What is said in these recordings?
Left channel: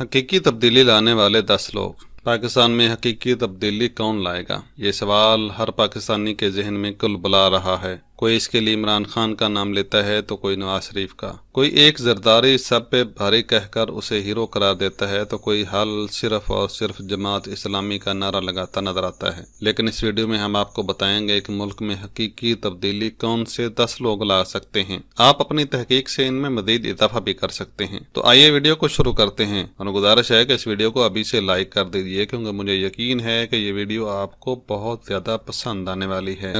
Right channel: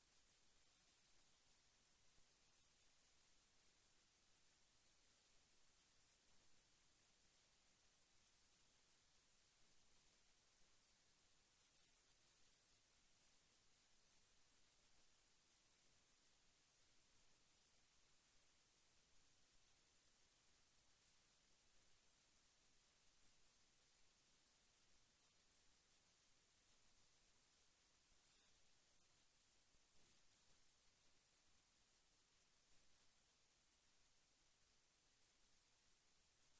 हकीकी तब्दीली लाने वाले 10 लोग। पाकिस्तान में हकीकी तब्दीली कौन लाएगा, ये सवाल हर पाकिस्तानी के जहन में कुलबुला रहा है। कोई इसके लिए इमरान खान का नाम लेता है तो कोई नवाज शरीफ का, कोई एक जरदारी सब पे भारी कहकर उसे हीरो करार देता है तो कोई हल सिर्फ और सिर्फ जमात इस्लामी का नारा लगाता नजर आता है। लेकिन इस वीडियो में हम आपको बताएंगे कि मुल्क में हकीकी तब्दीली कौन से 10 लोग ला सकते हैं। आप अपनी तहकीक से इनमें मजीद इजाफा भी कर सकते हैं। तो आइए वीडियो को शुरू करते हैं और गुजारिश है कि इस वीडियो को अभी से लाइक कर दीजिए, क्योंकि मुझे यकीन है कि ये वीडियो आपको बहुत ज्यादा पसंद आने वाली है।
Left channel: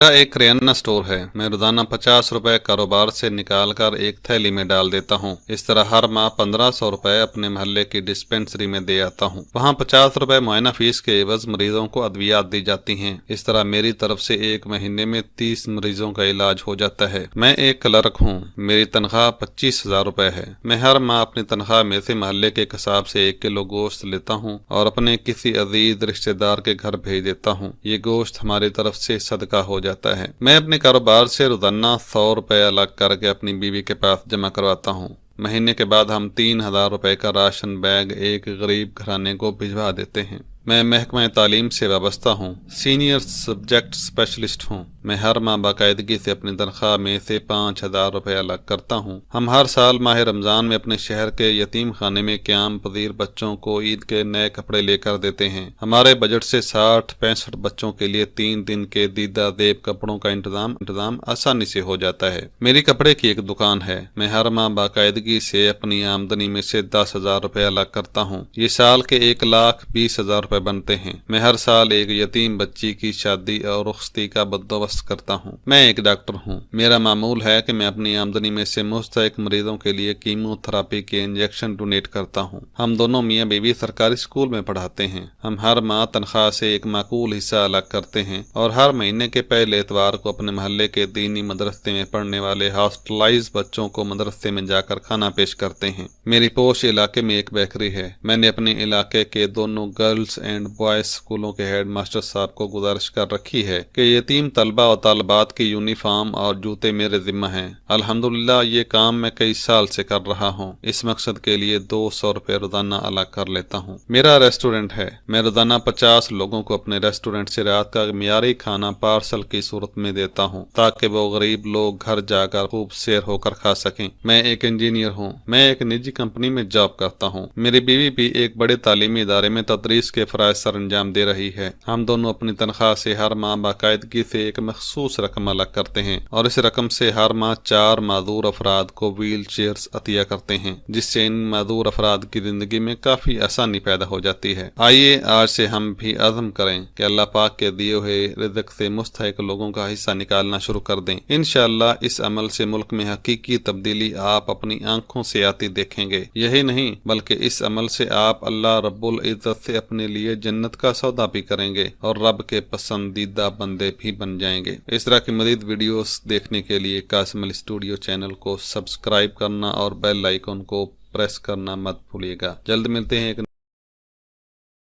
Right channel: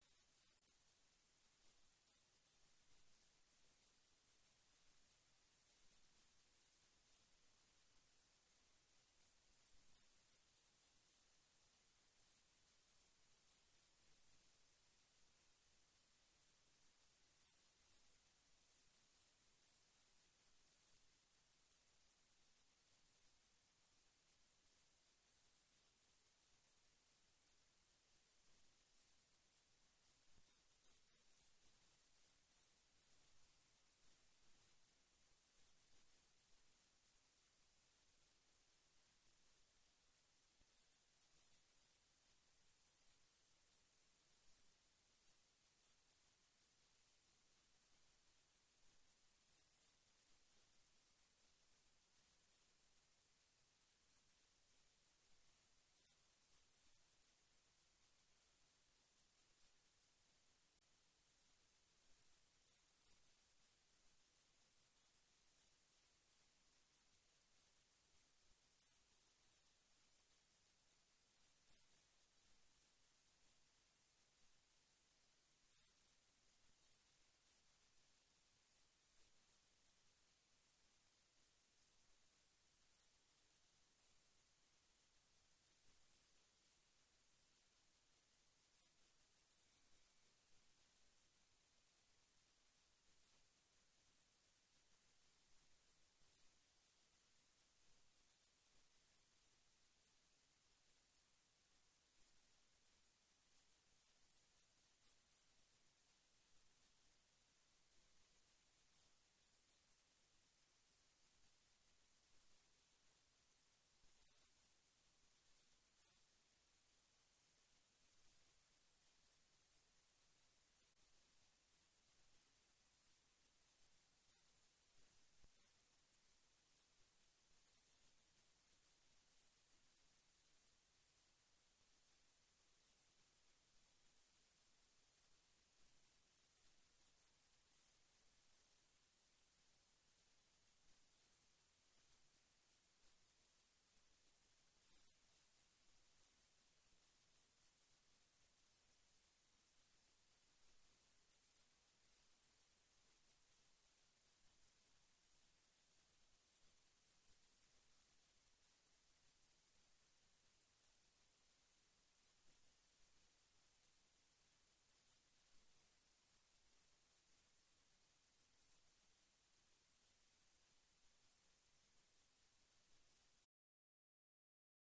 मेरा एक करियाना स्टोर है। मैं रोजाना 50 रुपए कारोबार से निकाल कर एक थैली में डाल देता हूँ। इस तरह हर माह 1500 रुपए अपने मोहल्ले की डिस्पेंसरी में दे आता हूँ। वहाँ 50 रुपए मुआयना फीस के एवज मरीजों को अद्वियात दी जाती हैं। इस तरह मेरी तरफ से एक महीने में 30 मरीजों का इलाज हो जाता है। मैं एक क्लर्क हूँ। मेरी तनख्वाह 25,000 रुपए है। मैं हर माह अपनी तनख्वाह में से मोहल्ले के कसाब से 1 किलो गोश्त लेता हूँ और अपने किसी अजीज रिश्तेदार के घर भेज देता हूँ। ये गोश्त हमारी तरफ से सदका हो जाता है। मैं अपने कारोबार से रोजाना 100 रुपए अलग करके अपनी बीवी के पास जमा करवाता हूँ। महीने के बाद हम 3,000 रुपए का राशन बैग एक गरीब घराने को भिजवा देते हैं। मैं महकमा तालीम से वाबस्ता हूँ, सीनियर सब्जेक्ट स्पेशलिस्ट हूँ। मैं हर माह बाकायदगी से अपनी तनख्वाह में से 5,000 रुपए अलग करता हूँ। हम हर साल माह रमज़ान में अपने शहर के यतीम खाने में क़याम पजीर बच्चों को ईद के नए कपड़े लेकर देते हैं। हमारे बजट से 60-65 बच्चों के लिए 3 दिन के दीदा देब कपड़ों का इंतजाम आसानी से हो जाता है। मेरी कपड़े की एक दुकान है। मैं हर माह बाकायदगी से अपनी आमदनी में से 10,000 रुपए अलग करता हूँ। ये साल के 1,20,000 रुपए बनते हैं। मैं हर साल एक यतीम बच्ची की शादी और रुखसती का बंदोबस्त करता हूँ। मैं एक डॉक्टर हूँ। मेरा मामूल है कि मैं अपनी आमदनी में से मुस्तहिक मरीजों के लिए कीमोथेरेपी के इंजेक्शन डोनेट करता हूँ। हम दोनों मियाँ बीवी सरकारी स्कूल में पढ़ाते हैं। हम हर माह तनख्वाह से एक माकूल हिस्सा अलग करते हैं और हर महीने के पहले इतवार को अपने मोहल्ले के दीनी मदरसे में पढ़ने वाले हॉस्टलाइज बच्चों को मदरसे में जाकर खाना पेश करते हैं। मेरी पोश इलाके में एक बेकरी है। मैंने अपने इलाके के दोनों गर्ल्स एंड बॉयज स्कूलों के हेड मास्टर साहब को गुजारिश कर रखी है कि यतीम तलबा और तालबात की यूनिफॉर्म और जूते मेरे जिम्मा हैं। अल्हम्दुलिल्लाह ये काम मैं कई साल से कर रहा हूँ। इस मकसद के लिए 200 रुपए रोजाना अलग कर लेता हूँ। मेरा रेस्टोरेंट है। मैं रोजाना 50 लोगों को अपने रेस्टोरेंट से रात का मियारी खाना पार्सल की सूरत में देता हूँ, ताकि वो गरीब लोग घर जाकर खूब सैर होकर खा सकें। मैं एक इंजीनियर हूँ। मैं एक निजी कंपनी में जॉब करता हूँ। मेरी बीवी भी एक बड़े तालीमी इदारे में तदरीस के फराइज सर अंजाम दे रही है। हम दोनों अपनी तनख्वाह से हर माह बाकायदगी से एक मखसूस रकम अलग करते हैं और इस रकम से हर माह 4 माजूर अफराद को व्हील चेयर्स अतिया करते हैं, जिससे इन माजूर अफराद की जिंदगी में काफी आसानी पैदा हो जाती है। आइए आज से हम भी अज़म करें कि अल्लाह पाक के दिए हुए रिज़्क़ से मुस्तहिक लोगों का हिस्सा निकालना शुरू कर दें। इंशाअल्लाह इस अमल से मुल्क में हकीकी तब्दीली आप अपनी आंखों से आती देखेंगे। यही नहीं बल्कि इस अमल से आप अल्लाह रब्बुल इज़्ज़त से अपने लिए जन्नत का सौदा भी करेंगे और रब के पसंदीदा बंदे भी बन जाएंगे। इस तरह की मज़ीद वीडियोस देखने के लिए कासिम अली स्टूडियो चैनल को सब्सक्राइब करना और बेल आइकन को प्रेस करना मत भूलिएगा। जल्द मिलते हैं एक